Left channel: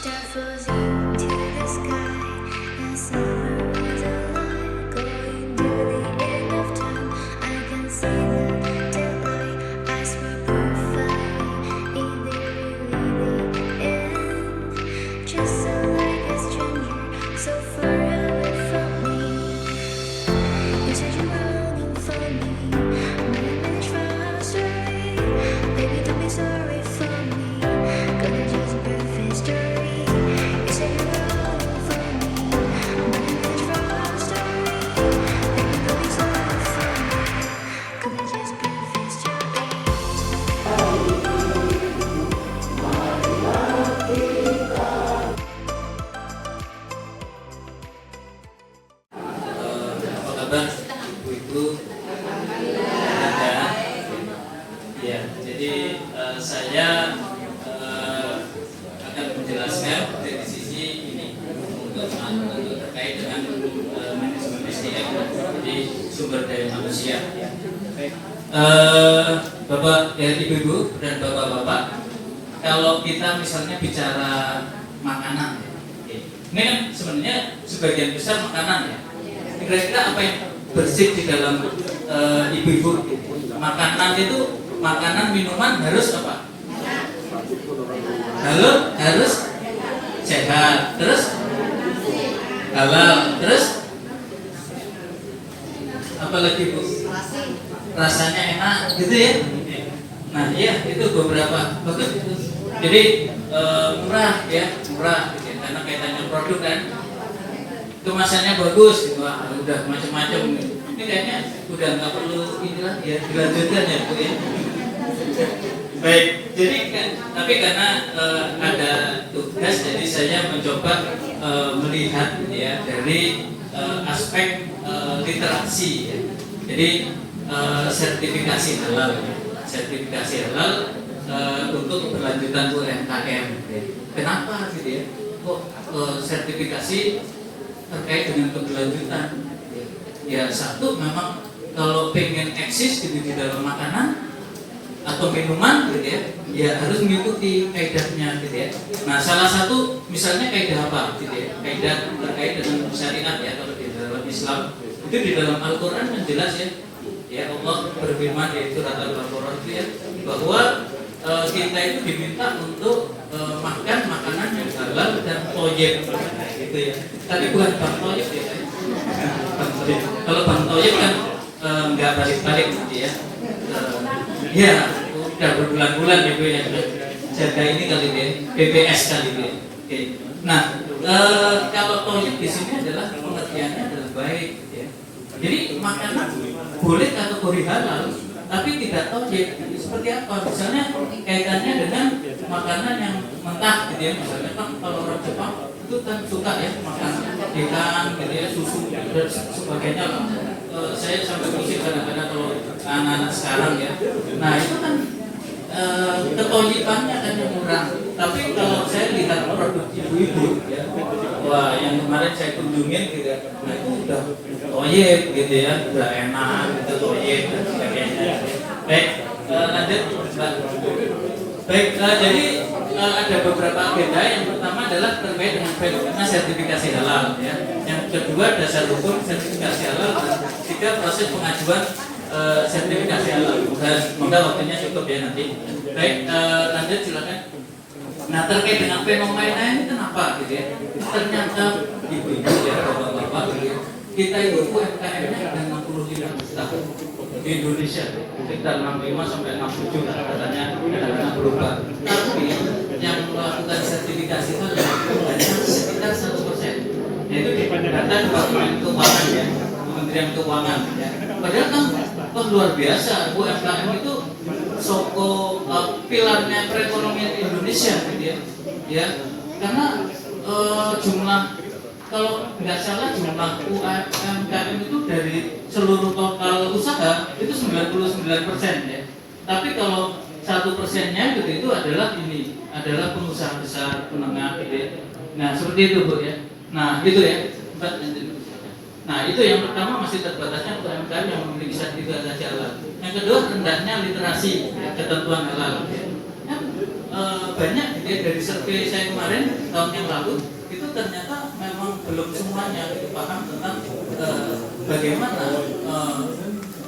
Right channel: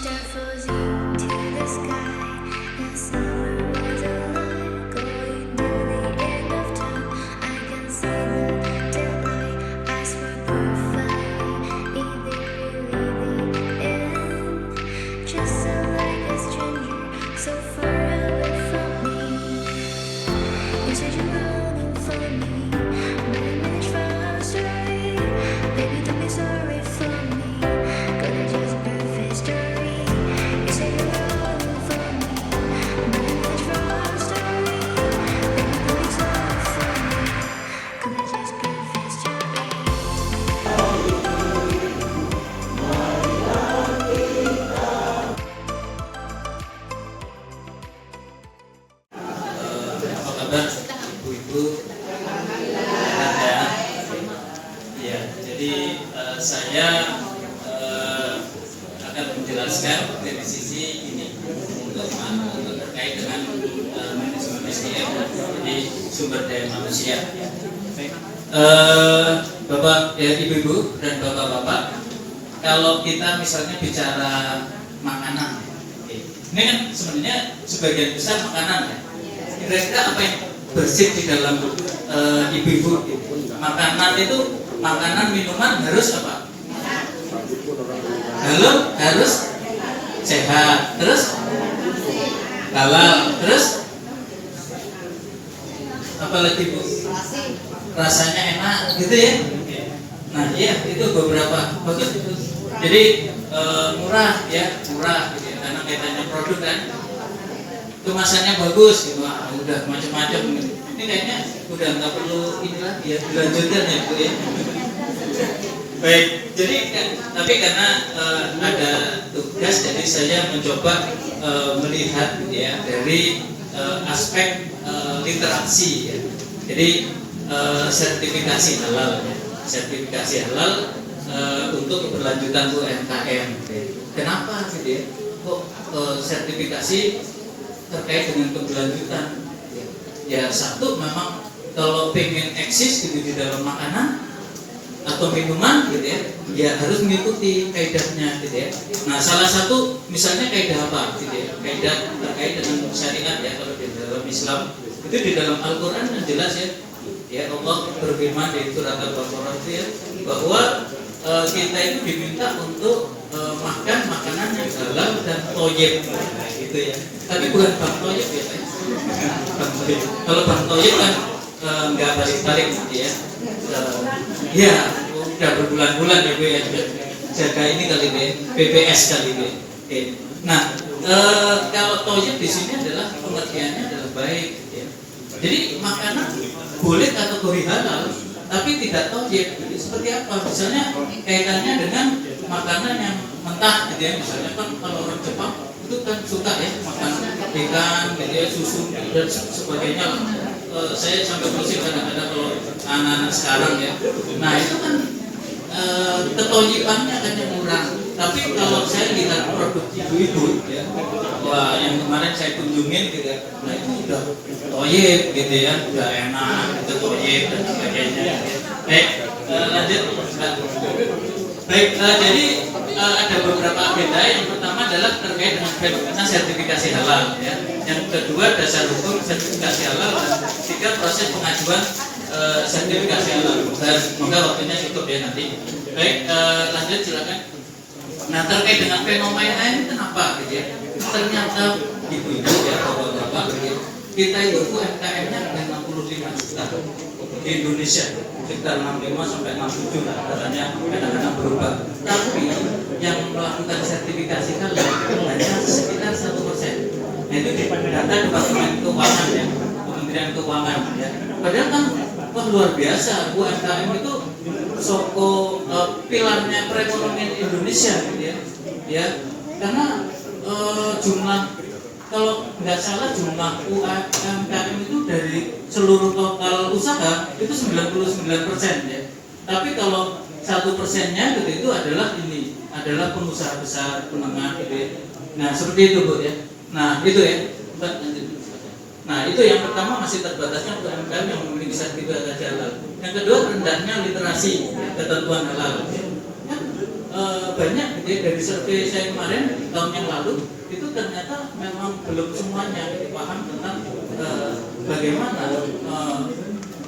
star falls into the sky, and summer was alive, going to the end of time. I can see the daylight, eyes were perfect, in the really the end. Just so like a stranger, so far away from me. You said you're running for me, but I managed for our story. Baby, don't be sorry for me, gonna just perfect story. You said you're running for me, but I managed for our story. Baby, don't be sorry for me, gonna just perfect story. Apa kabar ibu-ibu? Ya, jadi saya akan menjelaskan dari sisi ini untuk terkait dengan manajemen SDM, jadi sumber daya manusia. Bapak, ya, ibu-ibu dan bapak-bapak, kalau kita misalnya bicara makanan, ini kan sebenarnya sebagian besar makanan ya. Kira-kira apa yang bersih di dalam ibu-ibu? Makanan itu, makanan minuman harus apa? Harus sehat, terus halal, terus apa lagi bu? Rasanya enak, gitu ya? Nah iya, itu beberapa bagus itu. Jadi murah ya, murah gitu ya, karena kaitannya produk kan. Kemasannya bagus, gitu. Wah, udah macam-macam. Ini kayaknya udah nggak perlu ini lagi ya, dilanjutkan ya bu ya. Baik, jadi tapi karena ada tugas, jadi saya mencoba melihat ya dari aspek literasi ya. Jadi sertifikasi halal, ya. Sertifikasi halal untuk keberlanjutan UMKM. Ya. Kenapa gitu ya? Kok sertifikasi terkait dengan keberlanjutan? Ya satu, memang kalau pengen eksis gitu di dalam makanan atau minuman gitu ya harus mengikuti kaidahnya gitu ya. Nah salah satu misalnya kaidah apa gitu ya, kaidah terkait dengan syariat ya. Kalau di dalam Islam itu di dalam Al-Quran yang jelas ya Allah berfirman di surat Al-Baqarah itu ya, bahwa kita itu diminta untuk makan makanan yang halal dan thayyib gitu ya. Tapi bukan bang thayyib ya. Kalau bang thayyib kan nggak balik-balik gitu ya. Ya udah berbulan-bulan ya bu ya, jaga ini kali ya, BPS kali ya. Oke. Nah kalau thayyib di sini adalah pengertiannya adalah baik ya. Jadi makanan boleh kategori halal tapi tidak thayyib. Seperti apa? Misalnya kaitannya dengan makanan yang mentah gitu ya. Misalnya kan kalau orang Jepang itu kan suka ya makan ikan, gitu ya, susu dan sebagainya. Saya sampai pusing kadang-kadang kalau anak-anak sekarang ya. Nah itu kan ketoyibannya kan yang kurang. Tapi kalau saya lihat produk ibu-ibu ya, wah yang kemarin saya kunjungin gitu ya, nah itu udah toyib gitu ya, udah enak, itu toyib dan sebagainya. Baik, lanjut. Baik, jadi ada beberapa agenda. Yang pertama adalah terkait dengan fenomena sertifikasi halal ya. Yang kedua dasar hukum sertifikasi halal, dan tiga proses pengajuan sertifikasi halal. Semoga waktunya cukup ya nanti. Baik, lanjut silakan. Nah terkait dengan fenomena ini kenapa gitu ya? Ternyata ibu-ibu ya, bapak-bapak gitu ya, kita itu UMKM-nya ada 65 juta di Indonesia, sekitar 65 sampai 67 katanya kadang-kadang berubah. Tapi yang melakukan sertifikasi halal hanya sekitar 1%. Nah itu di data Departemen Keuangan ya, Kementerian Keuangan ya. Padahal kan luar biasa, UMKM itu soko pilarnya perekonomian Indonesia gitu ya. Karena jumlah, kalau nggak salah jumlah UMKM itu dari seluruh total usaha itu 99% ya. Tapi kalau 1%-nya gitu itu adalah pengusaha besar, menengah gitu ya. Nah seperti itu bu ya. Nah itu ya. Nah itu yang pertama, masih terbatasnya UMKM yang memiliki sertifikasi halal. Yang kedua, rendahnya literasi ketentuan halal. banyak gitu ya, dari survei saya kemarin tahun yang lalu itu ternyata memang belum semuanya paham tentang bagaimana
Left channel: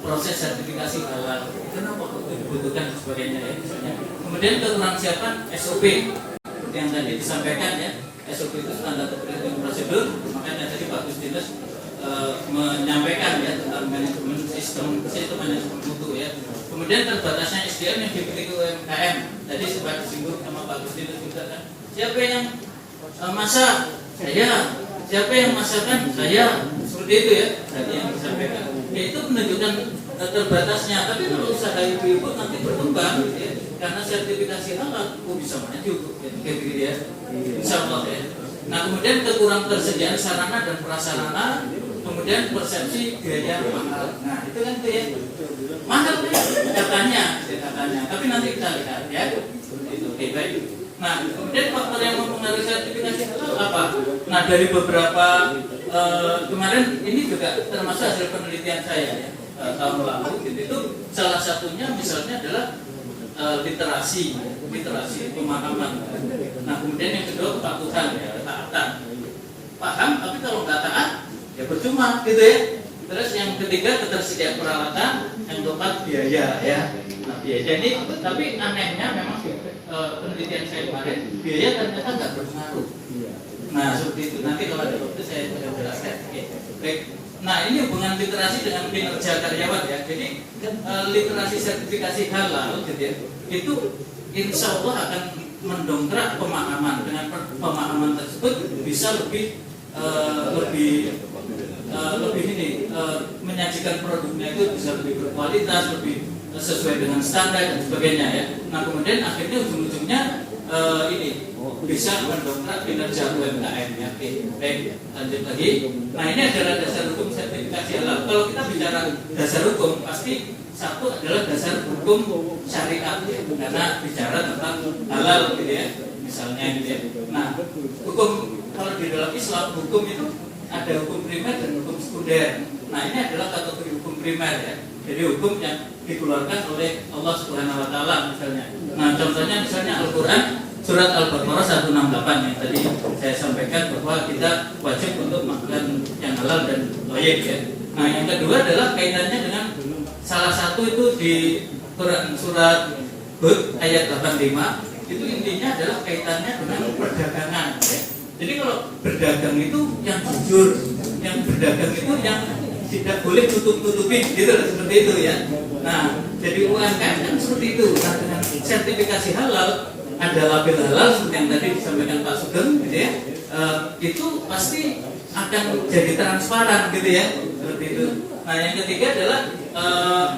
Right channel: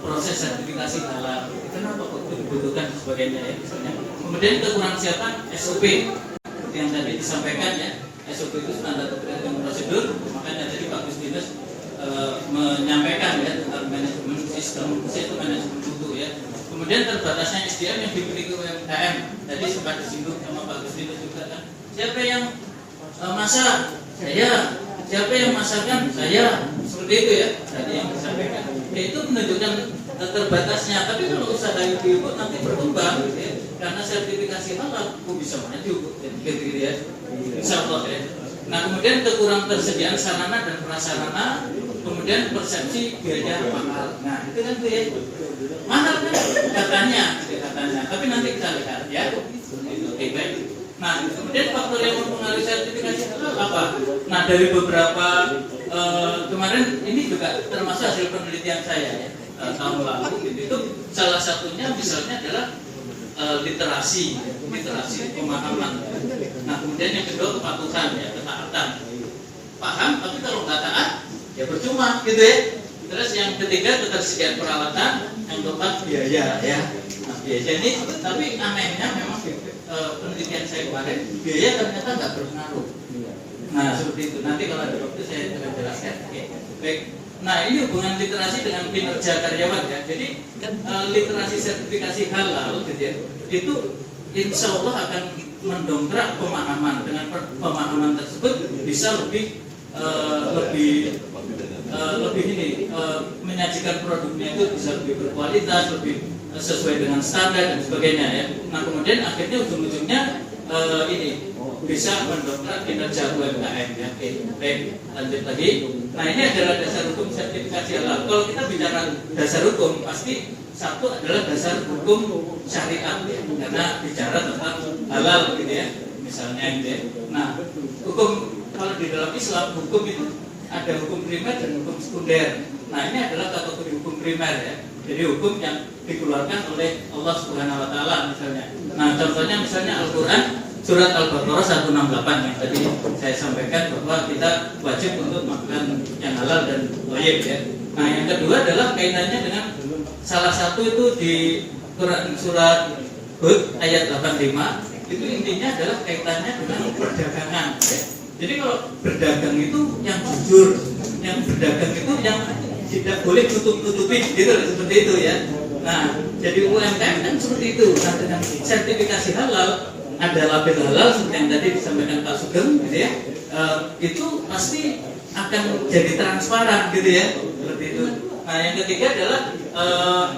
proses sertifikasi halal, kenapa kok dibutuhkan dan sebagainya ya misalnya. Kemudian kekurang siapan SOP yang tadi disampaikan ya, SOP itu standar operating prosedur, makanya tadi Pak Gustinus menyampaikan ya tentang manajemen sistem manajemen mutu ya. Kemudian terbatasnya SDM yang dimiliki UMKM, tadi sempat disinggung sama Pak Gustinus juga kan. Siapa yang masak? Saya. Siapa yang masakan? Saya. Seperti itu ya tadi yang disampaikan. Ya, itu menunjukkan terbatasnya. Tapi kalau usaha ibu-ibu nanti berkembang, gitu ya. Karena sertifikasi halal, bisa maju, gitu ya. Insya Allah ya. Nah kemudian kekurang tersediaan sarana dan prasarana, kemudian persepsi biaya mahal. Nah itu kan tuh ya mahal kan katanya. Tapi nanti kita lihat ya. Itu baik. Nah kemudian faktor yang mempengaruhi sertifikasi itu apa? Nah dari beberapa kemarin ini juga termasuk hasil penelitian saya ya tahun lalu gitu, itu salah satunya misalnya adalah literasi pemahaman. Nah kemudian yang kedua kepatuhan ya, ketaatan. Paham tapi kalau nggak taat ya percuma gitu ya. Terus yang ketiga ketersediaan peralatan, yang keempat biaya ya. Nah, biaya ini tapi anehnya memang penelitian saya kemarin biaya ternyata nggak berpengaruh. Nah seperti itu. Nanti kalau ada waktu saya akan jelaskan. Oke. Baik. Nah ini hubungan literasi dengan kinerja karyawan ya. Jadi literasi sertifikasi halal gitu ya, itu insya Allah akan mendongkrak pemahaman. Dengan pemahaman tersebut bisa lebih menyajikan produknya itu bisa lebih berkualitas, lebih sesuai dengan standar dan sebagainya ya. Nah kemudian akhirnya ujung-ujungnya ini bisa mendongkrak kinerja UMKM ya. Oke, baik, lanjut lagi. Nah ini adalah dasar hukum sertifikasi halal. Kalau kita bicara dasar hukum, pasti satu adalah dasar hukum syariat ya, karena bicara tentang halal gitu ya, misalnya gitu ya. Nah hukum kalau di dalam Islam hukum itu ada hukum primer dan hukum sekunder. Nah ini adalah kategori hukum primer ya. Jadi hukum yang dikeluarkan oleh Allah Subhanahu Wa Taala misalnya. Nah contohnya misalnya Al-Quran surat Al-Baqarah 168 yang tadi saya sampaikan bahwa kita wajib untuk makan yang halal dan thayyib ya. Nah yang kedua adalah kaitannya dengan salah satu itu di Quran surat Hud ayat 85 itu intinya adalah kaitannya dengan perdagangan ya. Jadi kalau berdagang itu yang jujur, yang berdagang itu yang tidak boleh tutup-tutupin gitu seperti itu ya. Nah jadi UMKM kan seperti itu. Nah dengan sertifikasi halal ada label halal seperti yang tadi disampaikan Pak Sugeng gitu ya, itu pasti akan jadi transparan gitu ya seperti itu. Nah yang ketiga adalah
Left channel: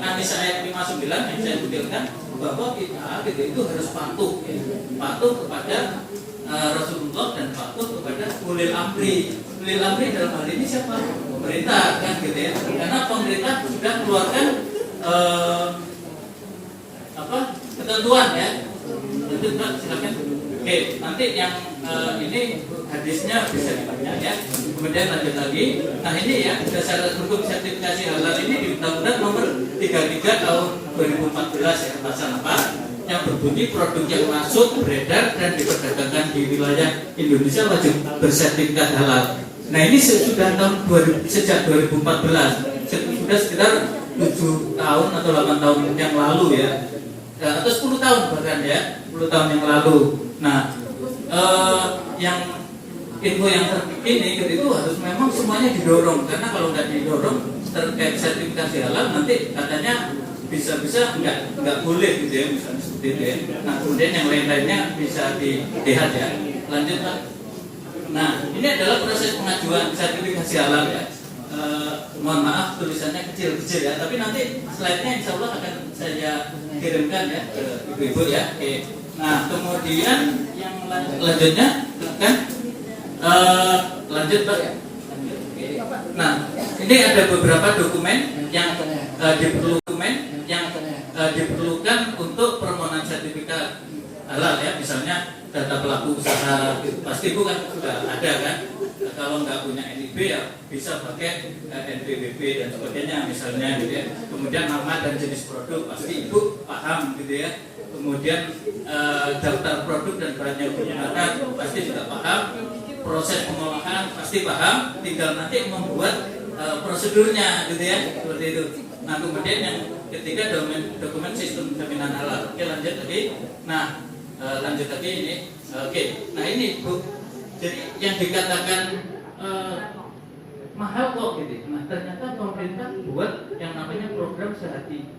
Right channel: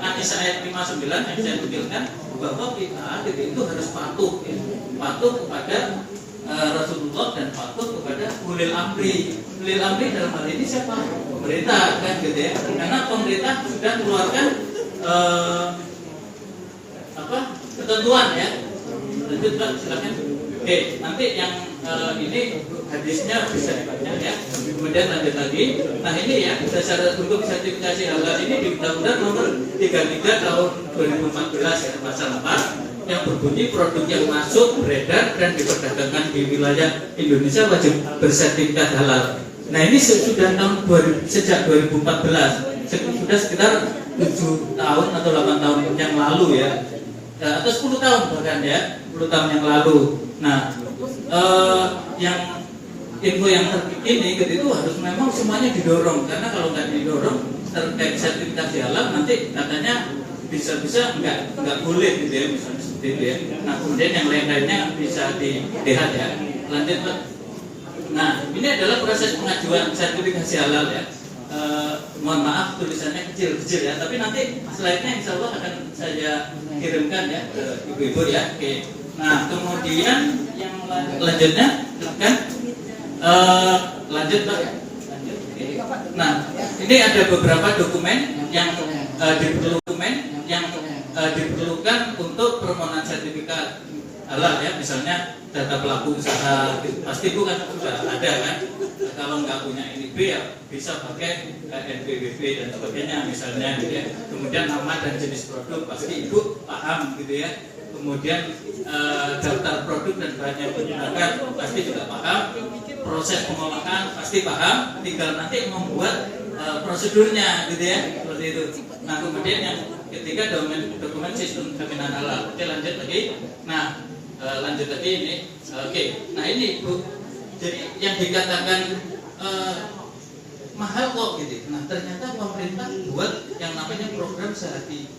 An-Nisa ayat 59 yang saya tuliskan bahwa kita gitu itu harus patuh ya. Patuh kepada Rasulullah dan patuh kepada ulil amri. Ulil amri dalam hal ini siapa? Pemerintah kan gitu ya. Karena pemerintah sudah mengeluarkan ketentuan ya. Lanjut Pak, silakan. Oke, nanti yang ini hadisnya bisa dibaca ya. Kemudian lanjut lagi. Nah ini ya dasar hukum sertifikasi halal ini di Undang-Undang Nomor 33 Tahun 2014 ya pasal 4 yang berbunyi produk yang masuk, beredar dan diperdagangkan di wilayah Indonesia wajib bersertifikat halal. Nah ini sejak 2014, sudah sekitar 7 tahun atau 8 tahun yang lalu ya. Atau 10 tahun bahkan ya, 10 tahun yang lalu. Nah, yang info yang terkini itu harus memang semuanya didorong, karena kalau nggak didorong terkait sertifikasi halal nanti katanya bisa-bisa nggak boleh gitu ya, misalnya seperti itu ya. Nah kemudian yang lain-lainnya bisa dilihat ya. Lanjut Pak. Nah ini adalah proses pengajuan sertifikasi halal ya. Mohon maaf tulisannya kecil-kecil ya, tapi nanti slide-nya insya Allah akan saya kirimkan ya ke ibu-ibu ya. Oke. Nah kemudian yang lanjutnya silakan. Lanjut Pak. Lanjut. Oke. Nah ini ada beberapa dokumen yang diperlukan untuk permohonan sertifikat halal ya, misalnya data pelaku usaha pasti bukan sudah ada kan. Kalau nggak punya NIB ya bisa pakai NPWP dan sebagainya misalnya gitu ya. Kemudian nama dan jenis produk pasti ibu paham gitu ya. kemudian daftar produk dan bahan yang digunakan pasti juga paham, proses pengolahan pasti paham, tinggal nanti membuat prosedurnya gitu ya, seperti itu. Nah kemudian yang ketiga dokumen sistem jaminan halal. Oke lanjut tadi. Nah lanjut tadi ini. Oke. Nah ini Bu, jadi yang dikatakan mahal kok gitu. Nah ternyata pemerintah buat yang namanya program sehati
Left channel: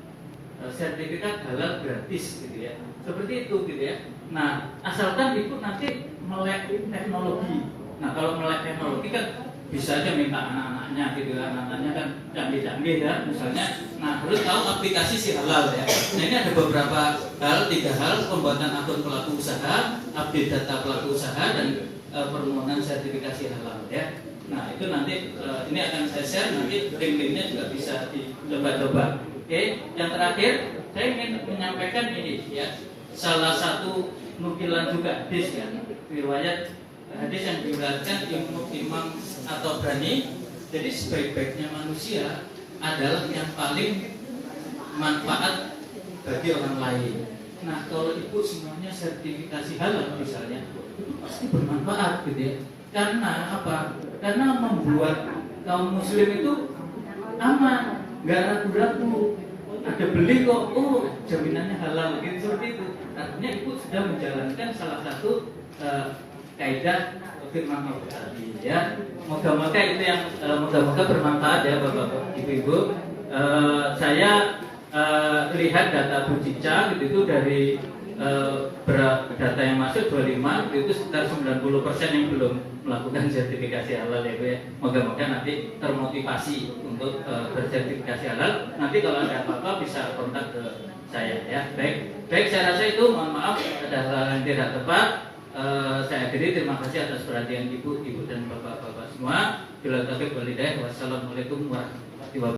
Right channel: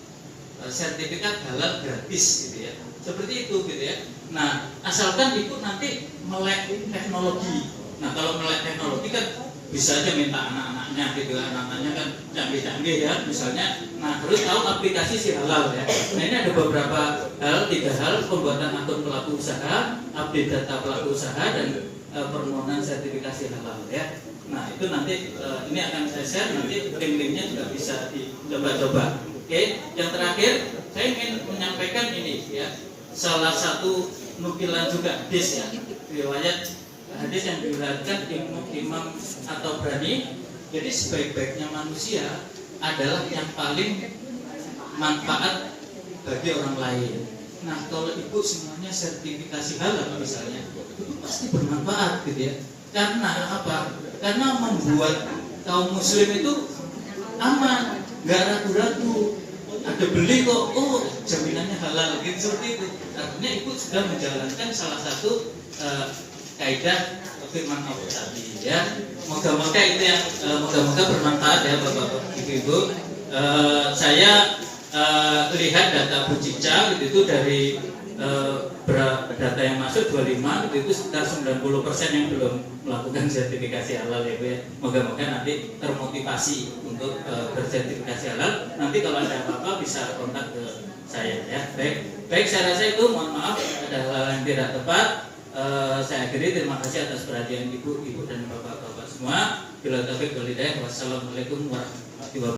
sertifikat halal gratis gitu ya. Seperti itu gitu ya. Nah asalkan itu nanti melek teknologi. Nah kalau melek teknologi kan bisa aja minta anak-anaknya gitu, anak-anaknya kan canggih-canggih ya misalnya. Nah harus tahu aplikasi si halal ya. Nah ini ada beberapa hal, 3 hal: pembuatan akun pelaku usaha, update data pelaku usaha, dan permohonan sertifikasi halal ya. Nah itu nanti ini akan saya share, nanti link-linknya juga bisa dicoba-coba. Oke, yang terakhir saya ingin menyampaikan ini ya, salah satu nukilan juga hadis ya, riwayat hadis yang diriwayatkan Imam atau Bani. Jadi sebaik-baiknya manusia adalah yang paling manfaat bagi orang lain. Nah kalau ibu semuanya sertifikasi halal misalnya, itu pasti bermanfaat gitu ya. Karena apa? Karena membuat kaum muslim itu aman, nggak ragu-ragu. Ada beli kok, oh jaminannya halal gitu, seperti itu. Artinya ibu sudah menjalankan salah satu kaidah firman Allah tadi ya. Moga-moga itu yang moga-moga bermanfaat ya bapak-bapak ibu-ibu. Saya lihat data Bu Cica gitu itu dari data yang masuk 25 itu sekitar 90% yang belum melakukan sertifikasi halal ya Bu ya. Moga-moga nanti termotivasi untuk bersertifikasi halal. Nanti kalau ada apa-apa bisa kontak ke saya ya. Baik saya rasa itu, mohon maaf ada hal yang tidak tepat. Saya akhiri, terima kasih atas perhatian ibu dan bapak-bapak semua. Bila taufiq wal hidayah. Wassalamualaikum warahmatullahi wabarakatuh.